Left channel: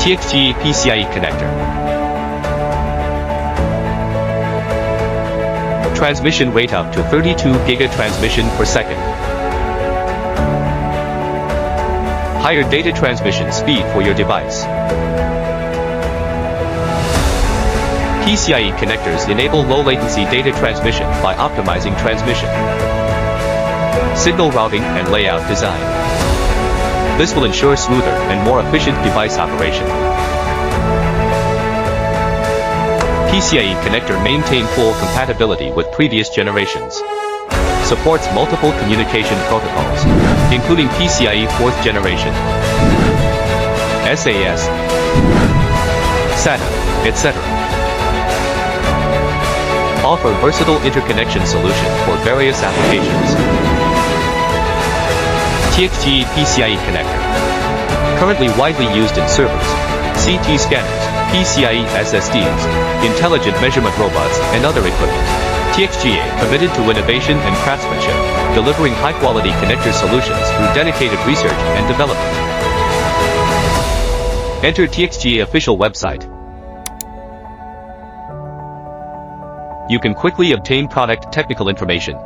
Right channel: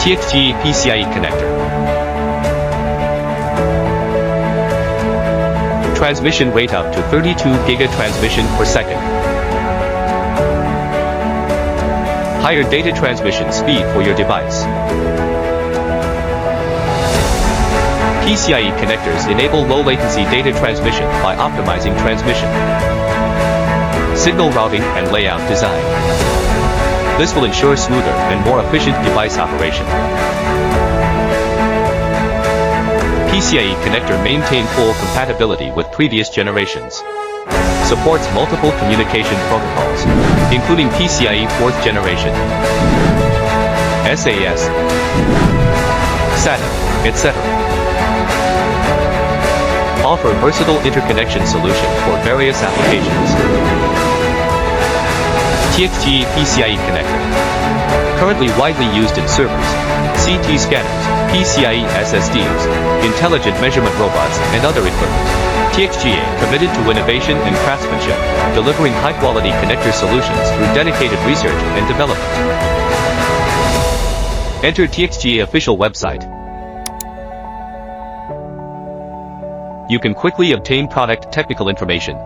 TXGA PCIe connector. Transmission rate up to 32 GB transmission per second. Higher data transmission speed for your device. PCIe connectors enable low-latency data transmission by optimizing transmission, signal routing, and layout design. This will ensure smoother and more efficient device operation. PCIe connector maintain full compatibility with previous generations. Supports multiple communication protocols, including PCIe 4th generation, SAS, SATA, etc. Offer versatile interconnection solution for various applications. TXGA PCIe connector. Currently widely used in servers, CT scanners, PCIe SSDs, intelligent measurement robots, and other equipment. TXGA committed to innovation and craftsmanship, delivering high-quality connector solutions through dedicated research and development. Enter TXGA official website. You can quickly obtain product technical information.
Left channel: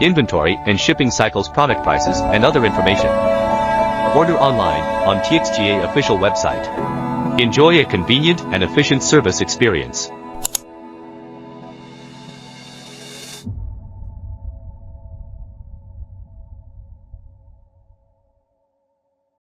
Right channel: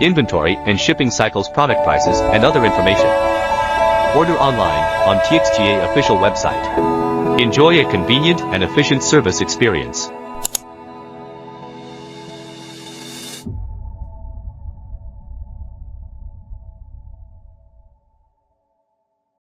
Inventory and shipping cycles, product prices, and other information. Order online on TXGA official website. Enjoy a convenient and efficient service experience.